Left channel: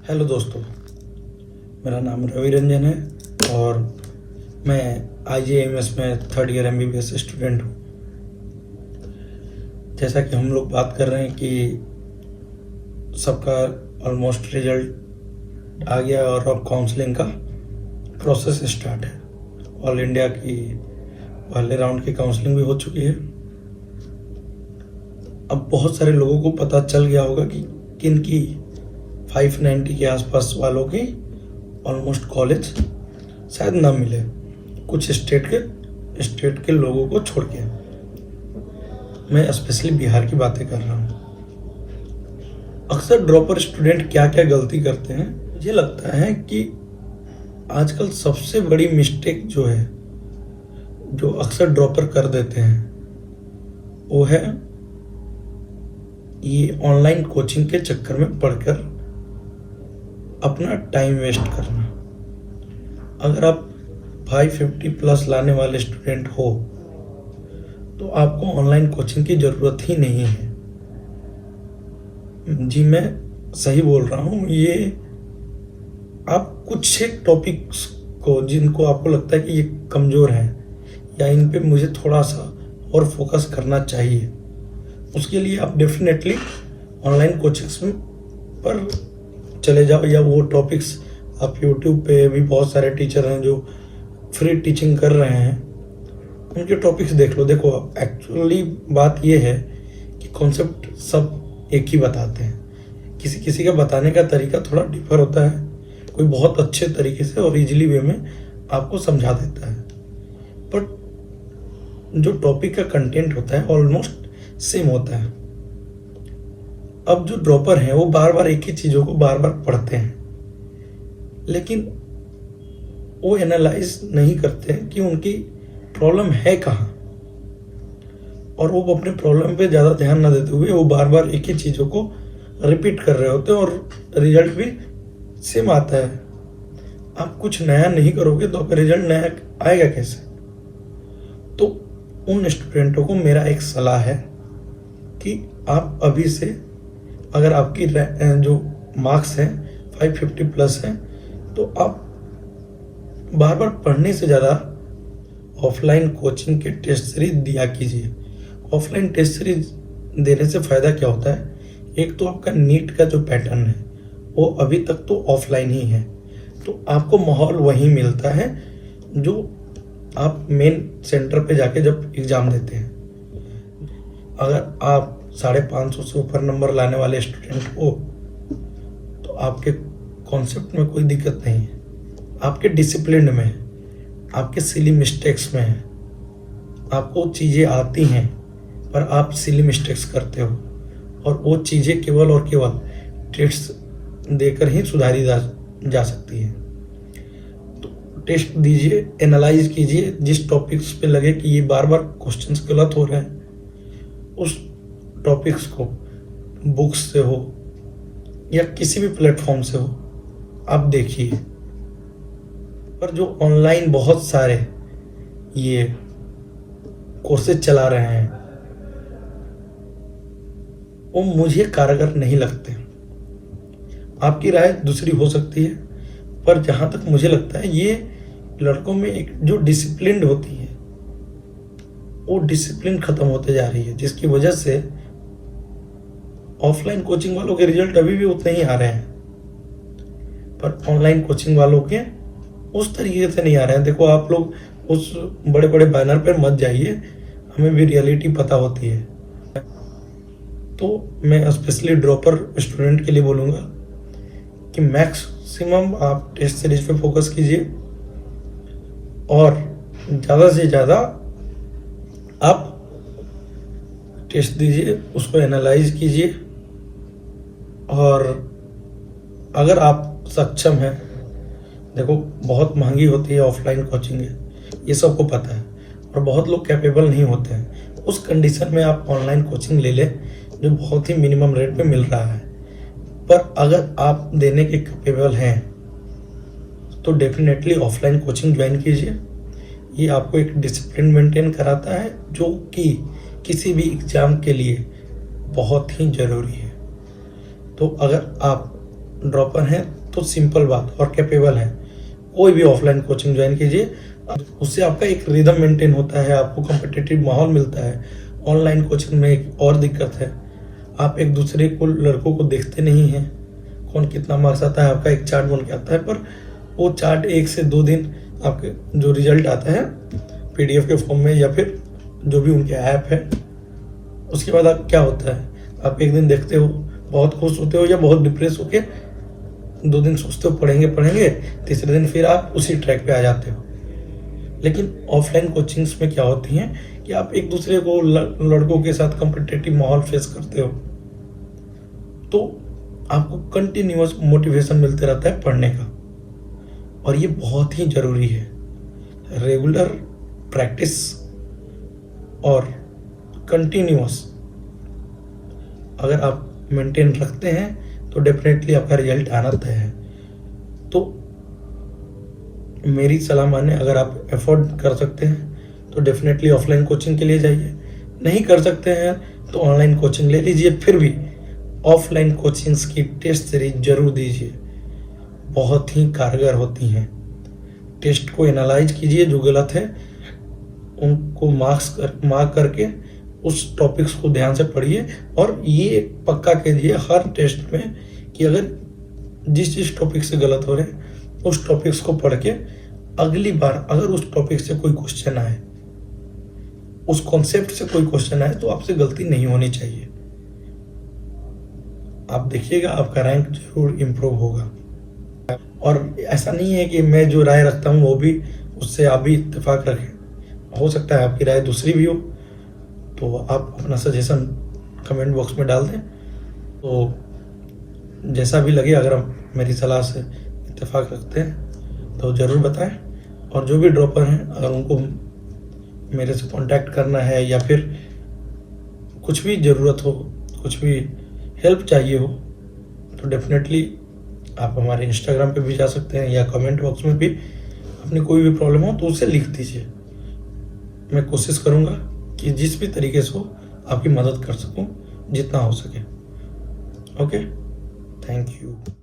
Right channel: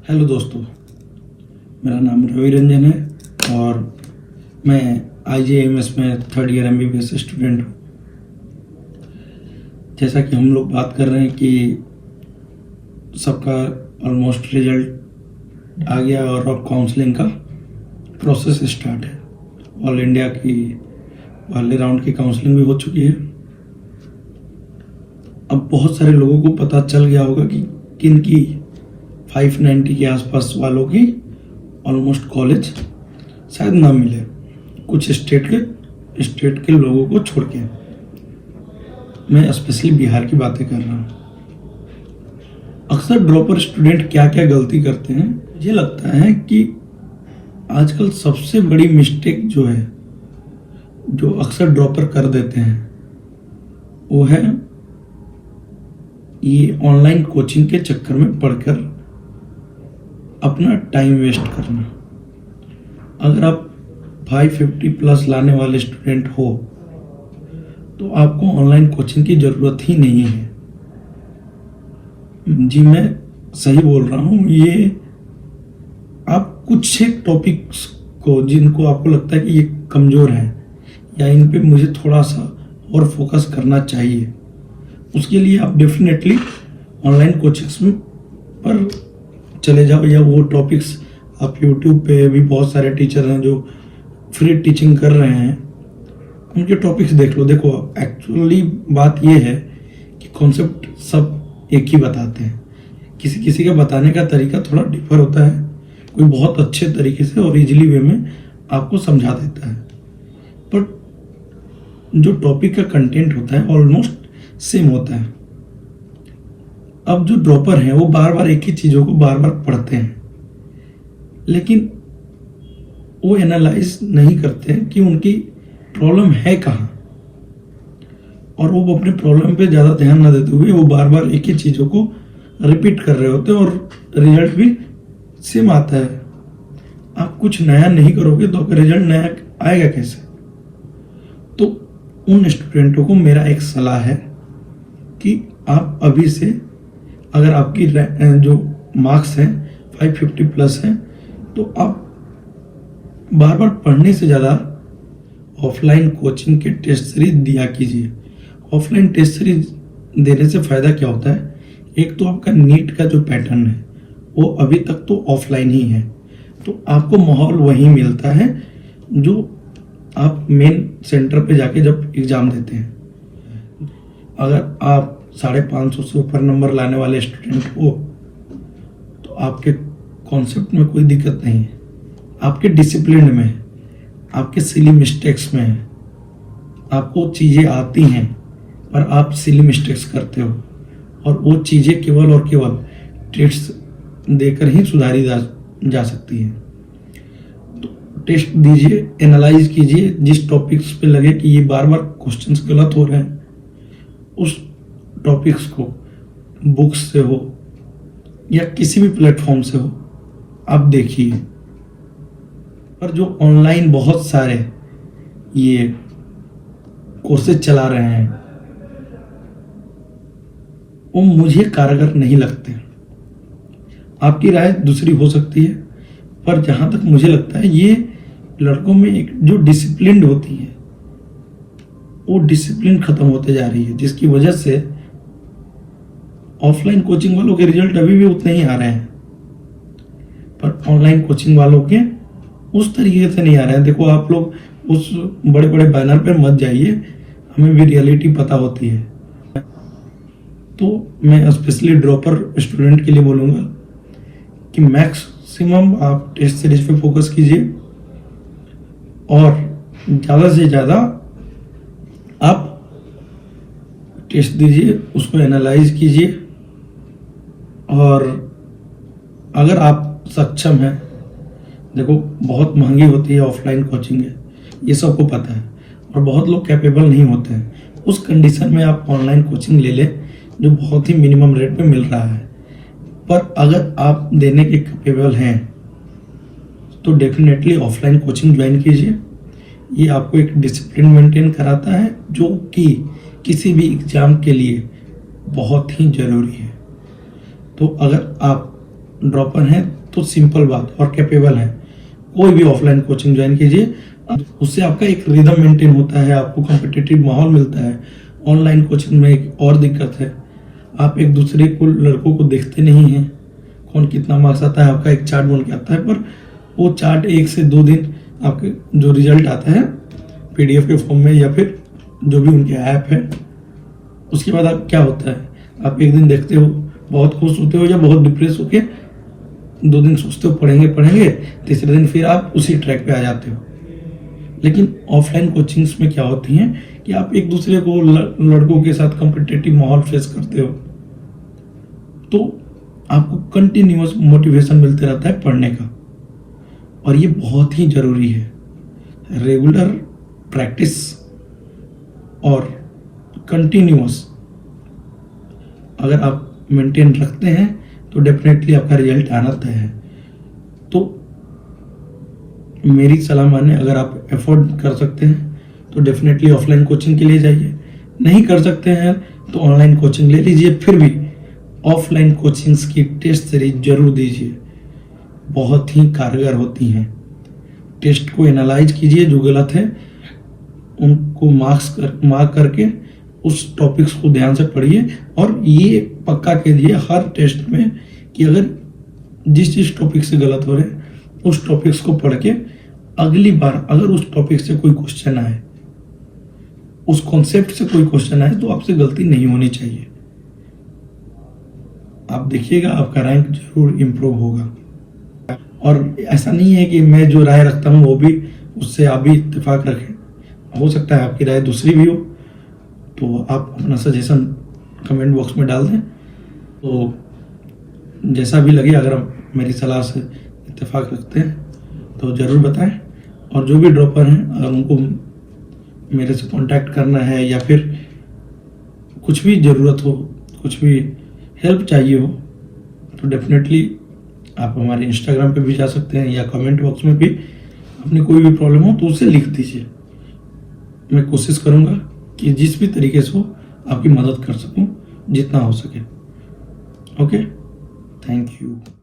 Hello दोस्तों, मेरा नाम रवि रंजन है और मैं IJMS में थर्ड ईयर MBBS स्टूडेंट हूँ। जैसा कि हम लोग बात कर रहे हैं कि सबका ऑलमोस्ट रिजल्ट आ गया और अब काउंसलिंग का प्रोसेस स्टार्ट है। ऑल इंडिया की पहले राउंड की काउंसलिंग भी हो चुकी है। अब बहुत सारे लोगों को पता चल गया होगा कि किन की 590 के आसपास वालों की ऑलमोस्ट कॉलेज शायद ना मिले, कुछ स्टेट के लोगों को छोड़ के। मैं स्पेशली बिहार की बातें कर रहा हूँ। अक्सर ड्रॉपर स्टूडेंट क्या क्या गलती करते हैं, मुझे लगता है कि आजकल सबसे बड़ी मिस्टेक जो है, जो अक्सर ड्रॉपर कर देते हैं, वो है ये ऑनलाइन कोचिंग के चक्कर में पढ़कर अपना टाइम वेस्ट करना। अगर आप 550 प्लस लाने वाले स्टूडेंट हो तो आपको ऑनलाइन कोचिंग की ज़रूरत ही नहीं है। जी, मैं सही बोल रहा हूँ। ये आप कुछ एक टॉपिक्स को जिनको आपको लगता है कि ये कमज़ोर हैं या इन पे मुझे थोड़ा सा और फोकस करना चाहिए, उसके लिए आप डेफिनेटली ऑनलाइन कोचिंग्स पर चले जाओ। या वो टॉपिक्स आप YouTube पे भी बहुत सारे टीचर हैं जो फ्री टीचिंग कर रहे हैं, उनके टॉपिक्स देख लो। देखो, एक्चुअली बात ये है कि कॉन्सेप्ट सब एक ही बताते हैं। किसी किसी का बताने का तरीका थोड़ा डिफर होता है। कोई बहुत अच्छे तरीके से और इजीली वे में आपको समझा देता है, बट जो टॉपिक का कंटेंट होता है ऑलमोस्ट सेम होता है। अब जो ड्रॉपर हैं वो बार बार एक ही चीज़ों को बार बार पढ़ते हैं, लेकिन वो एनालाइज नहीं करते हैं कि उनकी प्रॉब्लम है कहाँ, और वो अपने प्रॉब्लम पे ज़्यादा ध्यान न देते हुए वो बार बार एक ही चीज़ों को रिपीट कर रहे होते हैं और रिजल्ट भी सेम आता है। आप कुछ नया नहीं करोगे तो आपका रिजल्ट नया आएगा कैसे? तो उन स्टूडेंटों को मेरा एक सलाह है कि आप अभी से, अगर आपकी जो मार्क्स हैं 550 प्लस हैं, तो आप बार बार पढ़ने से ज़्यादा ऑफलाइन कोचिंग के टेस्ट सीरीज दिया कीजिए। ऑफलाइन टेस्ट सीरीज देने से फ़ायदा क्या होता है? एक तो आपका नीट का जो पैटर्न है वो अभी तक तो ऑफलाइन ही है, तो आपको माहौल वही मिलता है जो आप मेन सेंटर पे जाके जब एग्ज़ाम देते हैं। अगर आप 550 से ऊपर नंबर लाने वाले स्टूडेंट हो तो आपके कॉन्सेप्ट में कोई दिक्कत नहीं है, आपके डिसिप्लिन में है, आपके सिली मिस्टेक्स में है। आपको चीज़ें आती हैं पर आप सिली मिस्टेक्स करते हो, और वो चीज़ें केवल और केवल टेस्ट देकर ही सुधारी जा सकती है। तो टेस्ट दीजिए, एनालाइज कीजिए। जिस टॉपिक्स पे लगे कि ये बार बार क्वेश्चंस गलत हो रहे हैं, उस टॉपिक्स को बुक्स से हो या किसी भी प्लेटफॉर्म से हो आप देखिए। पर जो ऑनलाइन बहुत सारे ये कोर्सेज चला रहे हैं वो मुझे कारगर नहीं लगते। आपकी राय दूसरी हो सकती है, पर जहां तक मुझे लगता है ये लड़कों में एक जो डिसिप्लिन होती है वो डिसिप्लिन खत्म होते जा रही है, जिसकी वजह से ऑफलाइन कोचिंग वालों के रिजल्ट अभी भी उतने ही आ रहे हैं, पर ऑनलाइन कोचिंग वालों के उस तरीके से नहीं आ रहे हैं। देखो, आप लोग उस बड़े बड़े बैनर पर मत जाइए, हमें भी रियलिटी पता होती है। तो मैं स्पेशली ड्रॉपर स्टूडेंट के लिए बोलूँगा कि मैक्सिमम आप टेस्ट सीरीज पे फोकस कीजिए और ज़्यादा से ज़्यादा आप टेस्ट दीजिए, उसको एनालाइज कीजिए। और अगर आप सक्षम हैं, देखो बहुत महंगी होती है ऑफलाइन कोचिंग, ये सबको पता है, और बहुत लोग कैपेबल नहीं होते हैं। उस कंडीशन में आप ऑनलाइन कोचिंग ले लें जो बहुत ही मिनिमम रेट पे मिल रहा है। पर अगर आप देने के कैपेबल हैं तो डेफिनेटली ऑफलाइन कोचिंग ज्वाइन कीजिए। ये आपको एक डिसिप्लिन मेंटेन कराता है जो कि किसी भी एग्जाम के लिए बहुत ही ज़रूरी है। तो अगर आप ड्रॉपर हैं तो सिंपल बात और कैपेबल हैं, कोई भी ऑफलाइन कोचिंग ज्वाइन कीजिए, उससे आपका एक रिदम मेंटेन होता है, आपको कॉम्पिटिटिव माहौल मिलता है। ऑनलाइन कोचिंग में एक और दिक्कत है, आप एक दूसरे को लड़कों को देखते नहीं हैं, कौन कितना मार्क्स आता है, आपका एक चार्ट बन के आता है, पर वो चार्ट 1 से 2 दिन आपके जो रिजल्ट आता है PDF के फॉर्म में या फिर जो भी उनके ऐप है, उसके बाद आप क्या होता है, आप एक दिन देखते हो बहुत खुश होते हो या बहुत डिप्रेस होके 2 दिन सोचते हो पढ़ेंगे, तीसरे दिन फिर आप उसी ट्रैक पे आ जाते हो। लेकिन ऑफलाइन कोचिंग्स में क्या होती हैं कि आप एक दूसरे को लड़कों के साथ कॉम्पिटिटिव माहौल फेस करते हो, तो आपको कंटिन्यूअस मोटिवेशन मिलते रहता है पढ़ने का, और ये बहुत ही जरूरी है। रेगुलर प्रैक्टिस और कंटिन्यूअस अगर आप मेंटेन रखते हैं तो डेफिनेटली आपका रिजल्ट आना तय है। तो मेरी सलाह माने, अगर आप अफोर्ड कर सकते हैं तो डेफिनेटली ऑफलाइन कोचिंग के लिए जाइए, नहीं कर सकते हैं तो ऑनलाइन कोचिंग ले लीजिए। फिर भी ऑफलाइन कोचिंग्स की टेस्ट सीरीज जरूर दीजिए, बहुत ही कारगर होती हैं। टेस्ट को एनालाइज कीजिए, जो गलत है उनको मार्क करके उस टॉपिक्स को ध्यान से पढ़िए, और ये पक्का कीजिए हर टेस्ट में कि अगर जिस टॉपिक से गलत हो रहे हैं उस टॉपिक्स को पढ़ के अगली बार अगर उस टॉपिक से कोई क्वेश्चन आए, उस कॉन्सेप्ट से कोई क्वेश्चन आए, तो आपसे गलती नहीं होनी चाहिए। आप देखिएगा आपका रैंक जरूर इंप्रूव होगा। और ऐसा नहीं है कि मैं जो राय रखता हूँ वो भी उससे आप भी इत्तेफाक रखें, हो सकता है आपकी राय दूसरी भी हो, तो आप अपना सजेशन कमेंट बॉक्स में डाल दें। तो जैसा भी लगे, अगर आप मेरी सलाह से इत्तेफाक रखते हैं तो ज़रूर बताएं। और जो भी ड्रॉपर हैं, अगर उनको मेरे से कांटेक्ट करना है या फिर कुछ भी ज़रूरत हो, कुछ भी हेल्प चाहिए हो, तो डेफिनेटली आप हमारे इंस्टाग्राम पे भी जा सकते हैं या कमेंट बॉक्स में भी अपनी कोई भी प्रॉब्लम हो तो उसे लिख दीजिए। मैं कोशिश करूँगा कि जिस भी तरीके से हो आपकी मदद कर सकूँ जितना हो सके। Okay, thank you.